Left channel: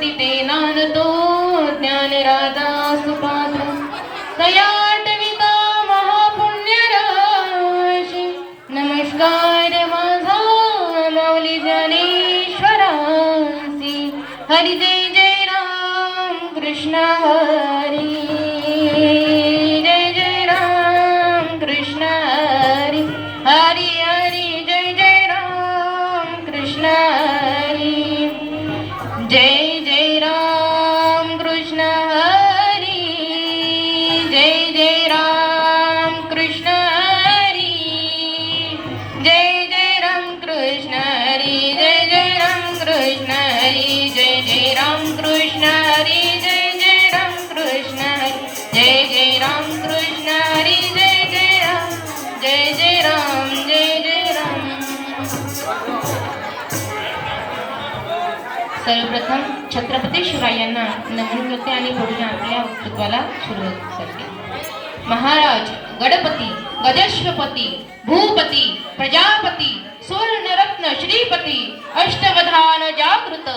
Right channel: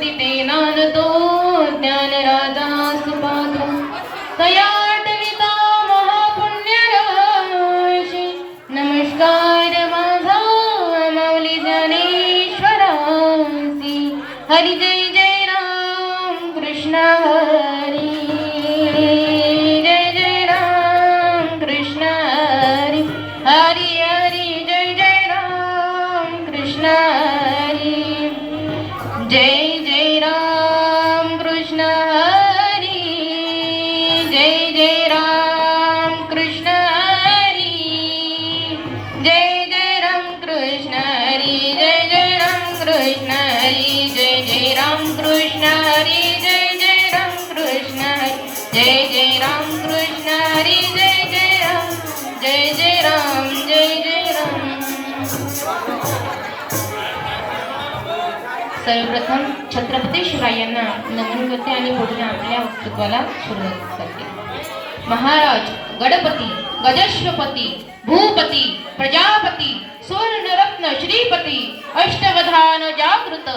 दीपेनानतो ज्ञानराजा सुपात्र तयाटविता महापुण्यराशी नमस्कार माझा माऊली ज्ञानेश्वरासी हरी जय जय राम कृष्ण हरी जय जय राम कृष्ण हरी हरी हरी जय जय राम कृष्ण हरी जय जय राम कृष्ण हरी जय जय राम कृष्ण हरी जय जय राम कृष्ण हरी जय जय राम कृष्ण हरी जय जय राम कृष्ण हरी जय जय राम कृष्ण हरी जय जय राम कृष्ण हरी जय जय राम जय जय राम जय जय राम। सर्वप्रथम छत्रपती शिवायांना नमन करते आणि पुढे आपल्या वक्तव्याला सुरुवात करते। महाराज गणपती गजश्वपती भूपती प्रजापती सुवर्णरत्न श्रीपती अष्टवधान जागृत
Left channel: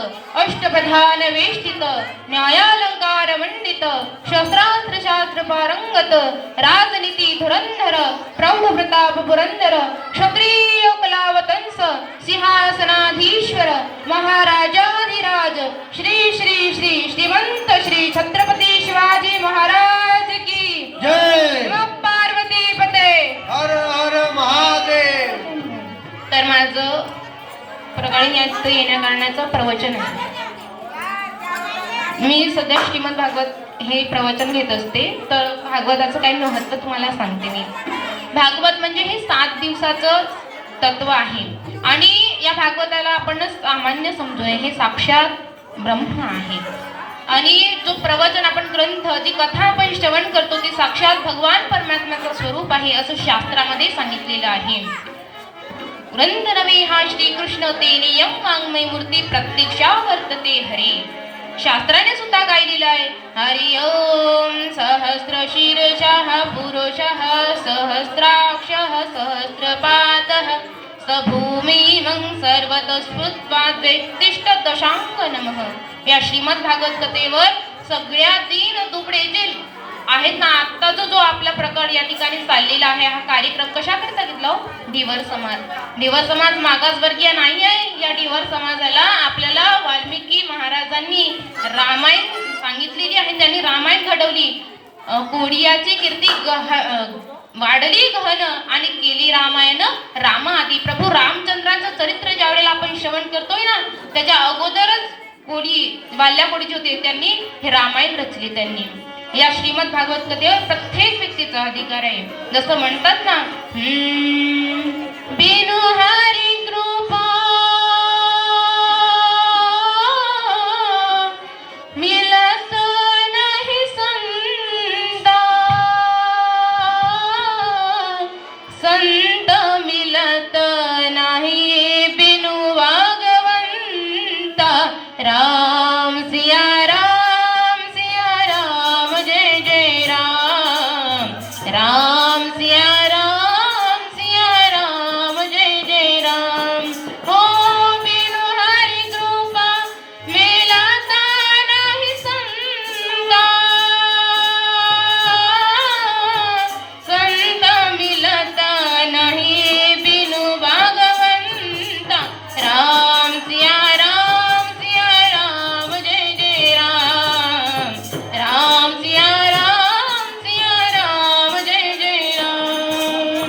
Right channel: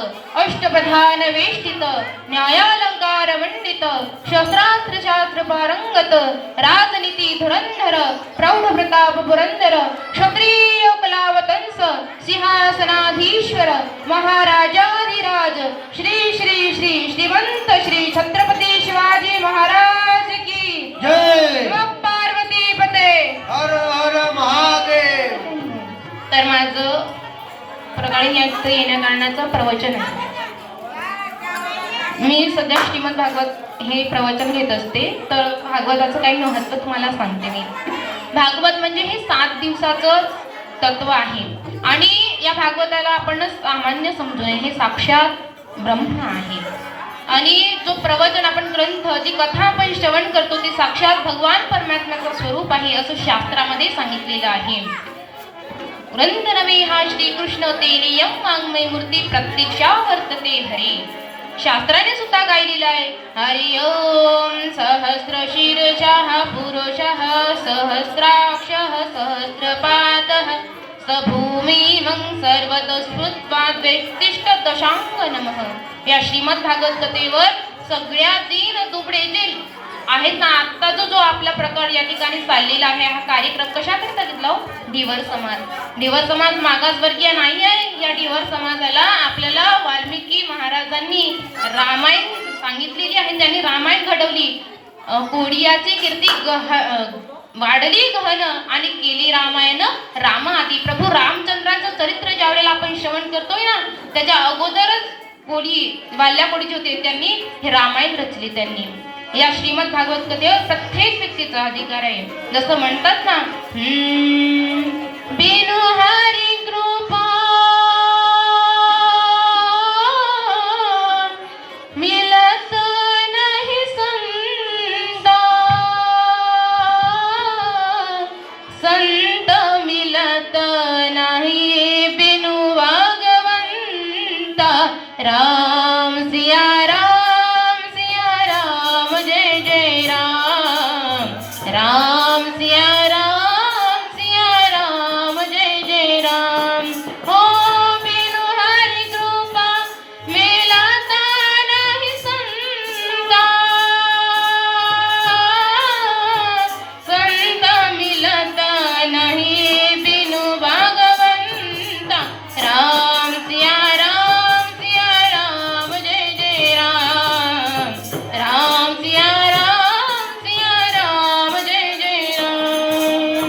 अष्टप्रधान वेष्टित न्यायालंकार मंडित शस्त्रास्त्र शास्त्र पारंगत राजनीती धुरंधर प्रौढ प्रताप पुरंदर क्षत्रिय कलावतंस सिंहासनाधीश्वर महाराजाधिराज श्री श्री श्री श्रीमंत श्री छत्रपती शिवाजी महाराज की जय। पार्वती पते हर हर महादेव। तर माझं प्रकारे यात येण्या कारणाचं प्रवचन आहे। मी सध्या श्रीमद भागवत हे प्रवचन घेत असते, तर भागवताचं काही महत्त्व तुम्हाला सांगते मी। भागवत म्हणजे हे 7 दिवसाचं तत्व आहे आणि या भागवताला आपण सामान्य समजूया, हे साक्षात ब्रह्म आहे आणि जो प्रवचन आपण ग्रंथ जी कथा आपण श्रवण करतो ती साक्षात भगवान परमात्म्याचं स्वरूप आहे असं शास्त्रामध्ये सांगितलेलं आहे। ग्रंथ नवे हा श्रीकृष्ण तेलियम वाङ्मय मूर्ती प्रत्यक्षा वर्तते हरी। शास्त्राने सुद्धा गायलेलं आहे हरि ओम सहस्र शीर्षः पुरुषः सहस्राक्षः सहस्रपादः सभूमिमं सर्वतस्फुत्वाद्वेष्टिष्ट दशांग नमः। या श्रीमद भागवत कथेवर सगळ्या दीन दुबळे जे आहेत ना, आत्ताचा जो आपला प्रकार या ठिकाणी चाललेला आहे हा कार्यक्रम कशा करता घेतला? ढिवर समाज। ढिवर समाज मागासवर्गीय नाही आहे। या ढिवर समाजाला आपल्याला वाल्मिकी महाराजांनी रामायण सांगितलेली आहे, त्यांनी रामायण घडवली। कोडियाची कीर्ती वाढली गहन आणि केली रामायण राम आदी। प्रभू रामचंद्राचं चरित्र ज्यावेळेला आपण श्रवण करतोय ना, त्याच्या अगोदरच वाल्या कोडीचे होते, त्यांनी हे रामायण रचले। त्यांनी या श्रीमद भागवत कथेवर प्रत्येक व्यक्तीचा अधिकार आहे। जसं म्हणतात ना, बिनु हरी कृपा मिलत नहीं संता, संत मिलत नहीं बिनु भगवंता। राम सिया राम जय जय राम, राम सिया राम जय जय राम। हो बिनु हरि कृपा मिलता नहीं संता, संत मिलता नहीं बिनु भगवंता। राम सिया राम जय जय राम, राम सिया राम जय जय राम।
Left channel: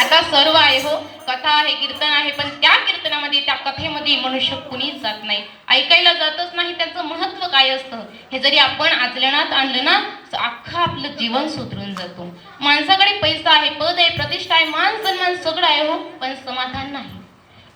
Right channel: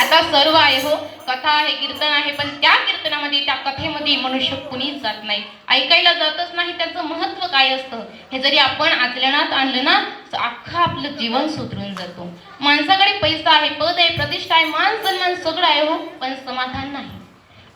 आता सर्व आहे हो, कथा आहे, कीर्तन आहे, पण त्या कीर्तनामध्ये त्या कथेमध्ये मनुष्य कुणीच जात नाही, ऐकायला जातच नाही। त्याचं महत्त्व काय असतं हे जरी आपण आचरणात आणलं ना, तर अख्खं आपलं जीवन सुधरून जातो। माणसाकडे पैसा आहे, पद आहे, प्रतिष्ठा आहे, मान सन्मान सगळं आहे हो, पण समाधान नाही।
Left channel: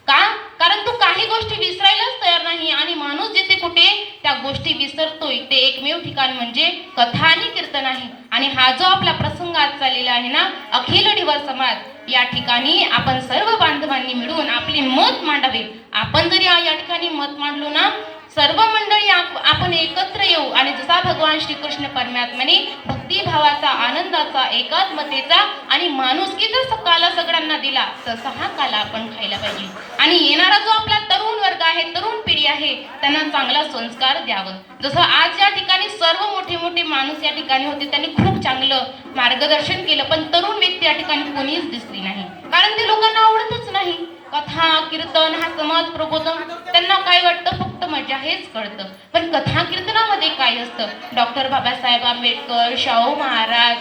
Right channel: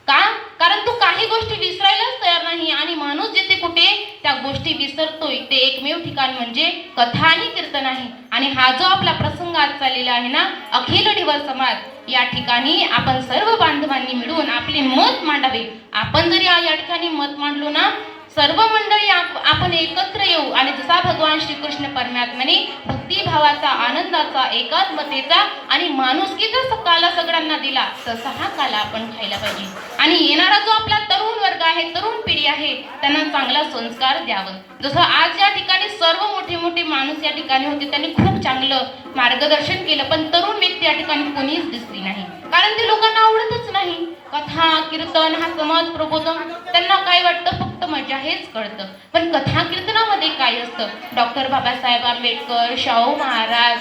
का? कारण तो काही गोष्टी विसरायलाच तयार नाही आणि माणूस जिथे कुठे त्या गोष्टी विसरतोय ते एकमेव ठिकाण म्हणजे कथा आणि कीर्तन आहे। आणि हा जो आपला प्रसंग आज चाललेला आहे ना, अखिल ढिवर समाज, या ठिकाणी आपण सर्व बांधवांनी मिळून आपले मत मांडावे। आपण जरी या ठिकाणी मत मांडलो ना, सर्व मंडळी आपण एकत्र येऊ आणि जसा भगवान श्रीकृष्ण परमात्म्याने भक्तिभावाचा, आनंदाचा, एकात्मतेचा आणि माणुसकीचा काला सगळ्यांना दिला, तसा हा काला आपण खायला पाहिजे। आणि येणारा जो आपला तरुण वर्ग आहे, तरुण पिढी आहे, त्यांना चांगला संस्कार द्यावं. जसं आज या ठिकाणी सर्व मोठे मोठे माणूस या ठिकाणी होते, त्यांनी खूप चांगलं मार्गदर्शन केलं, पण तरुण व्यक्ती या ठिकाणी कोणीच दिसली नाही, कारण ते लोकांना आवडतच नाही. कथा कीर्तन हा समाज प्रबोधन त्यांना काय वाटतं, फक्त मजा हेच कळतं. पण कथा कीर्तनामध्ये काय असतं, डॉक्टर बाबासाहेब आंबेडकर, शाहू महाराज,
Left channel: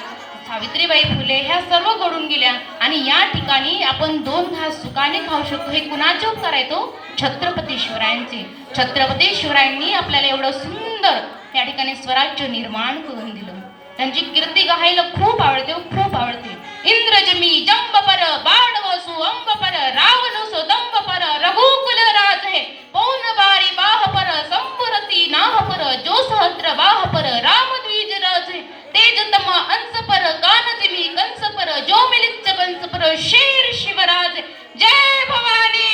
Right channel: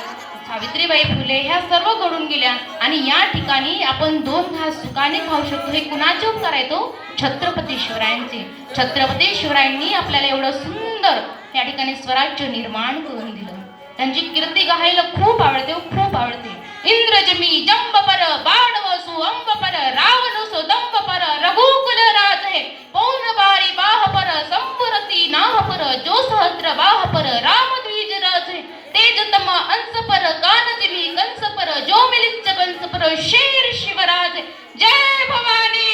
सावित्रीबाई फुले ह्या सर्व घडून गेल्या, आणि या ठिकाणी आपण 2 घास सुखाने खाऊ शकतो. हे कुणाचे उपकार आहे? तो छत्रपती शिवरायांचे. छत्रपती शिवरायांनी आपल्याला एवढं सुंदर या ठिकाणी स्वराज्य निर्माण करून दिलं. त्यांची कीर्ती गायला खूप आवडते, खूप आवडते. इंद्रजमी जंबपर बाणवसु अंबपर रावणसु दंबपर रघुकुल राजे पौन बारी बाहपर संपुरती नाहपर जो सहस्र बाहपर रामद्विज राजे तेजतम अंसपर कानजिमी कंसपर जो मिलिच्च कंसपर शेर शिवराज. जय भवानी,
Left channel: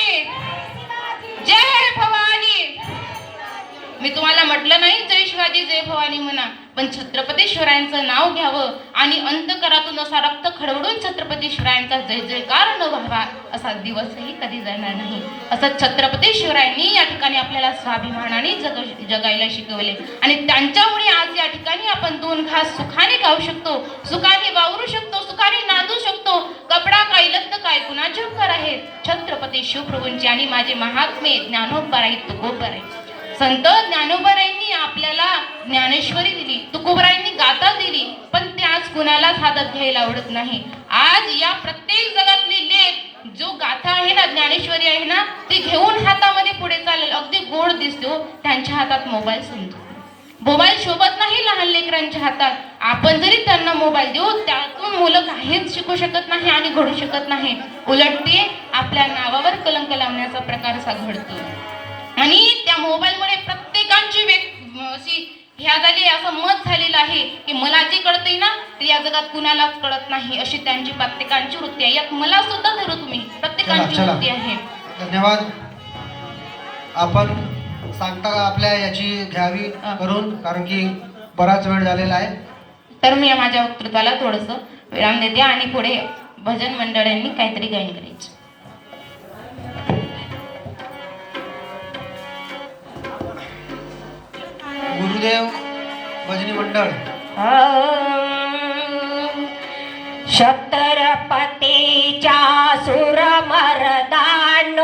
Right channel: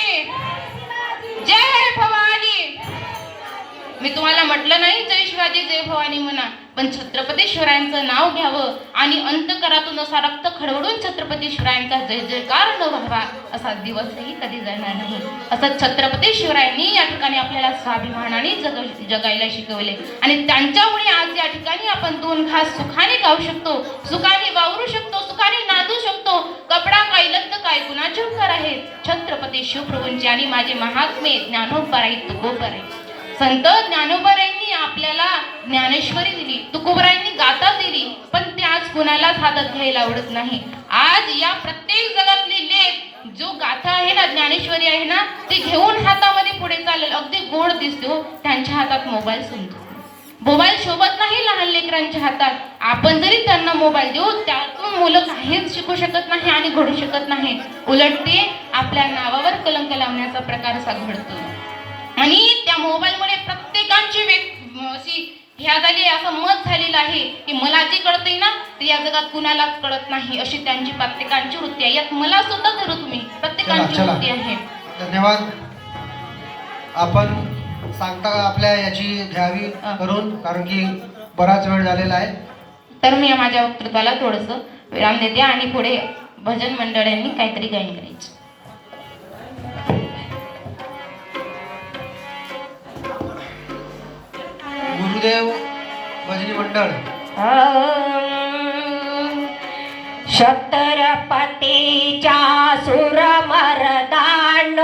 जय भवानी. मी तुम्हाला म्हटलं नाही जय शिवाजी जय भवानी म्हणा, पण छत्रपती शिवरायांचं नाव घ्यावं आणि अंतकरातून असा रक्त खळवळून छत्रपती शिवरायांचा जय जयकार न व्हावा असा दिवसही कधी जाणार नाही. असं छत्रपती शिवरायांनी या ठिकाणी आपल्याला स्वाभिमानाने जगायला शिकवले, आणि त्यांच्यामुळे आज या ठिकाणी आपण 2 घास सुखाने खाऊ शकतो, सुखाने वावरू शकतो, सुखाने नांदू शकतो. कपडा काय लत्त काय कुणाचे उपकार आहेत? छत्रपती शिवप्रभूंचे आणि माझे महात्मे ज्ञानोबराई तुकोबराई. संत ज्ञानोबरायांनी आपल्याला ज्ञानेश्वरी दिली, तुकोबरायांनी गाथा दिली, पण ते आज कुणालाच हातात घ्यायला आवडत नाही. आज या प्रत्येक जगातले लेख जो गाथा आहे ना, ज्ञानेश्वरी आहे ना, ते घेऊन हातामध्ये पुढे चालेल, अगदी गोड दिसतो. त्यांच्या हातात मोबाईल समजतो, मोबाईल शोभत नाही लहान लेकरांच्या हातात. आपण जरी त्यांना मोबाईल देऊ, त्यातून मुलं काहीच शिकू शकत नाही आणि घडू शकत नाही. उलट ते आपल्या नावावर कलंक लावण्याचा प्रकार घडतो, आणि त्या मोबाईलमुळे प्रत्येकांची अशी ह्या झाली, असं मत झालेलं आहे की मला जे कळतंय ना ते या जगात कुणालाच कळत नाही, अशी त्यांची प्रत्येकांची वृत्ती आहे. यात मला सुद्धा धरू तुम्ही, प्रत्येकांची वृत्ती आहे. धन्यवाद. आपण सांगता आपल्या याची घ्यावी करून, कारण की बराच वेळ झालेला आहे. तर मी माझ्या वक्तृत्वाला थोडंसं विराम देते आणि पुढे भजन मंडळांनी काहीतरी गायन करायचं. गुरुदेव भजनी मंडळ. छत्रपतीच्या सुरमरदान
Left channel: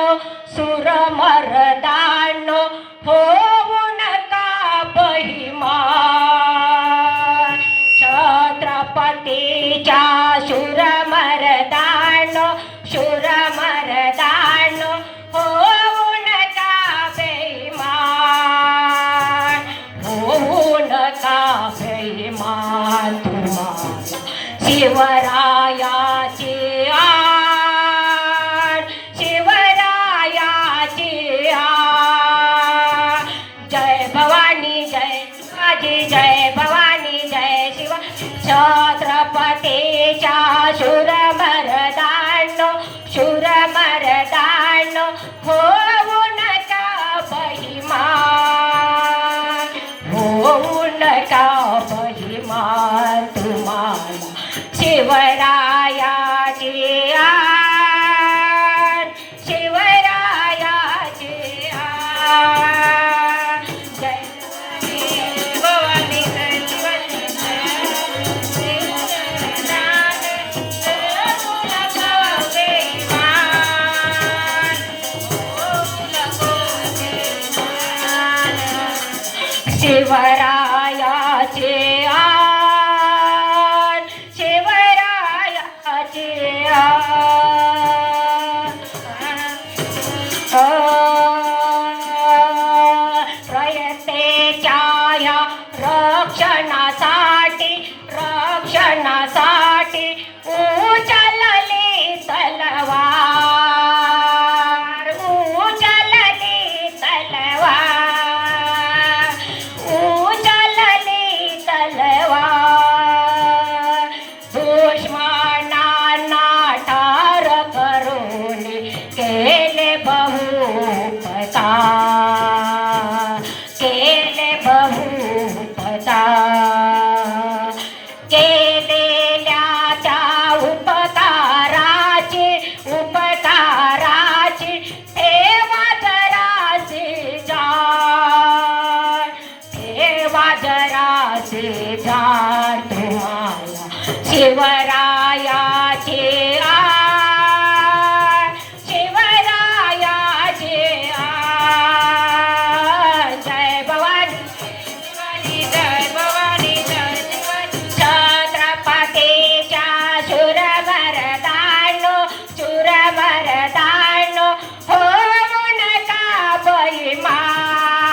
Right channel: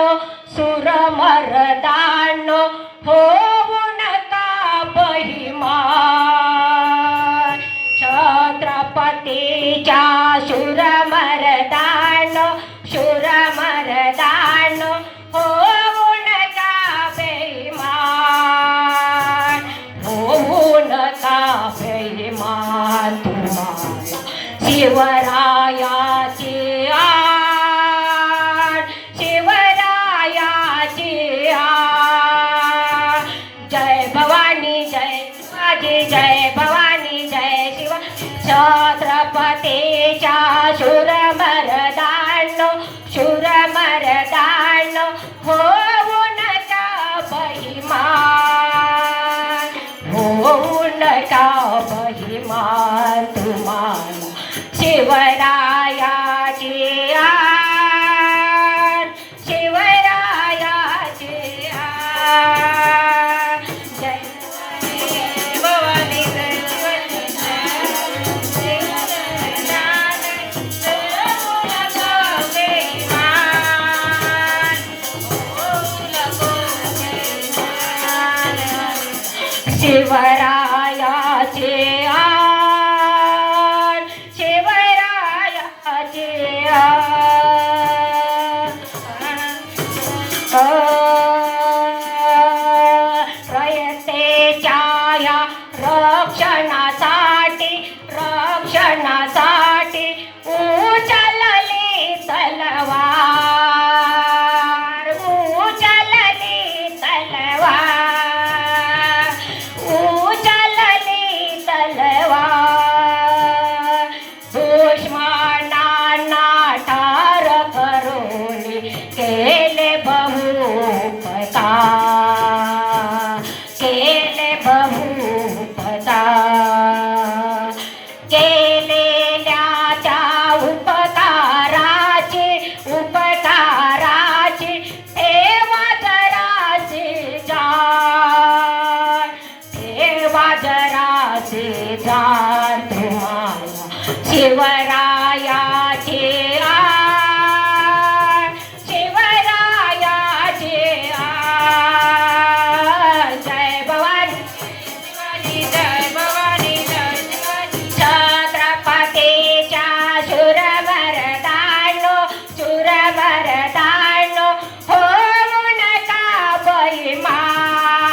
सुरमरदान होऊ नका बहिमान. छत्रपतीच्या सुरमरदान सुरमरदान होऊ नका बेईमान. होऊ नका बेईमान. तुम्हाला शिवरायाची आण शिवरायाची आण. जय भवानी जय शिवाजी जय भवानी जय शिवा. छत्रपतीच्या शूरमर्दान शूरमर्दान होऊ नका बहिमान. होऊ नका बहिमान. तुम्हाला शिवरायाची आण शिवरायाची आण. जय भवानी जय शिवरायाचे आण शिवरायाचे प्रयत्नेच्या या रक्षणासाठी रक्षणासाठी उचलली तलवार उचलली तलवार उचलली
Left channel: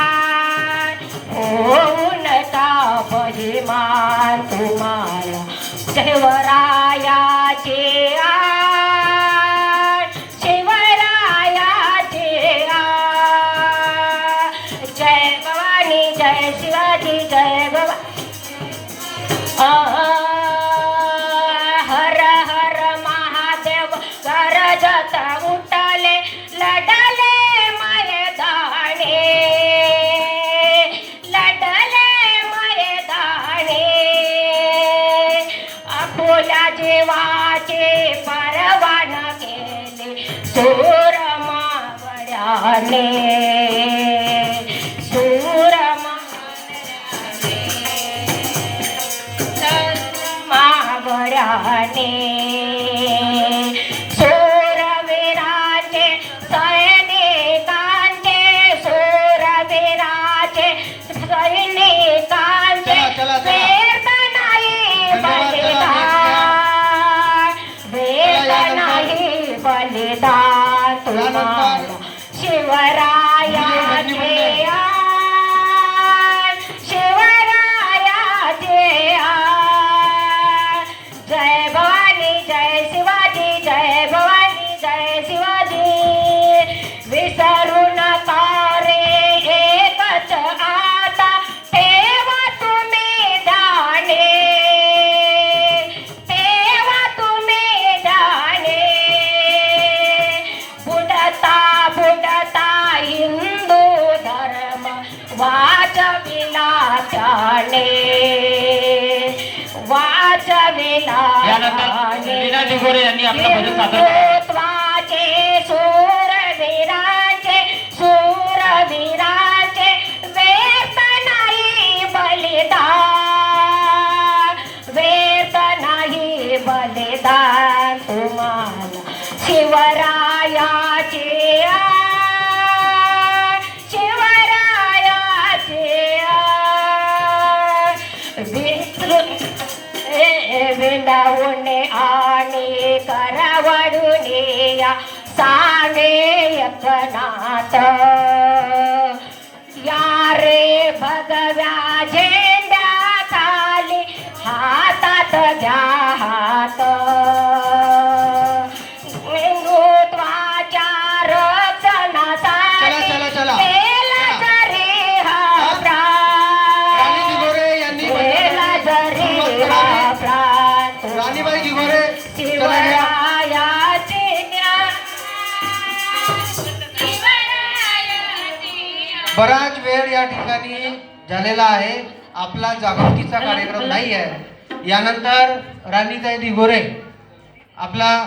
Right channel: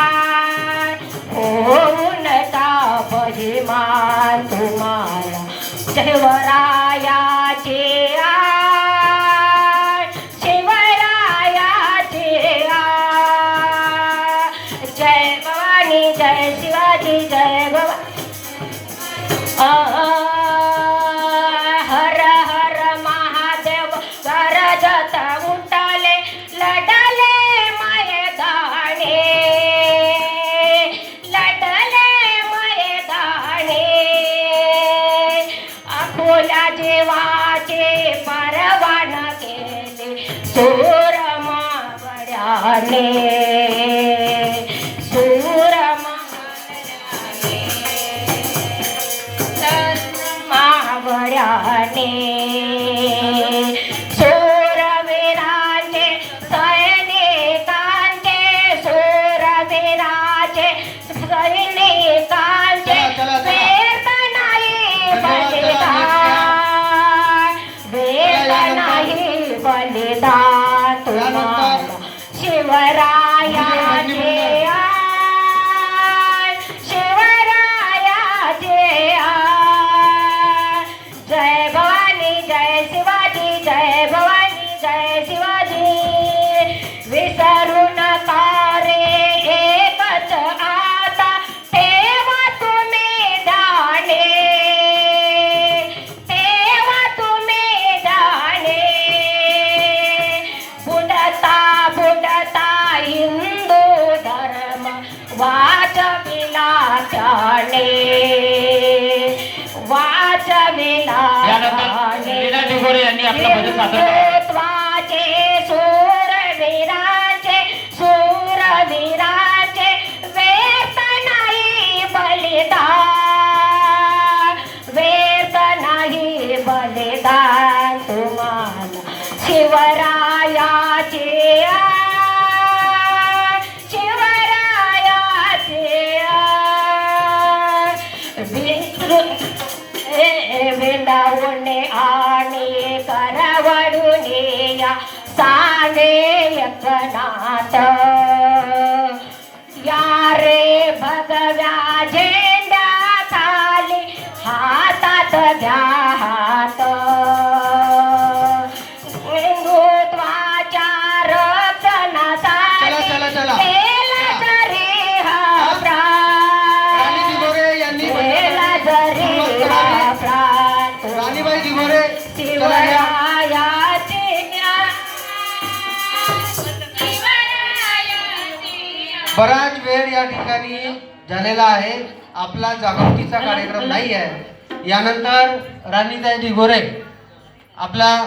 अभिमान होऊन अभिमान तुम्हाला शिवरायाचे शिवरायाचे जय भवानी जय शिवाजी जय हर हर महादेव गरजत उठले लढले मैदाने अकोल्या जीवाचे परवान केले सूरमावड्याने मावड्याने सूरवीराचे सैनिकांचे सूरवीराचे सैनिकांचे वेद नाही बलिदान तुम्हाला शिवरायाचे शिवरायाचे जय भवानी जय शिवाजी जय भवानी जय शिवाजी विसरू नका रे एकच आता ठेवा तुम्ही ध्याने बुडता हिंदू धर्म वाचविला त्याने हिंदुत्वाचे सूरवीराचे व्यर्थ नाही बलिदान तुम्हाला शिवरायाचे विंदावणे आणि करवडून या साने एकनाथ या रे भगव्या झेंड्या खाली हातात घ्या हात हिंदुत्वाच्या रक्षणासाठी केला जरी हा राणीबाई दिघोरे शिवरायाचे बराच वेळ या ठिकाणी झालेला आहे. आपला जागृतीचा कार्यक्रम नाही आहे. यानंतर राणीताई दिघोरे आपला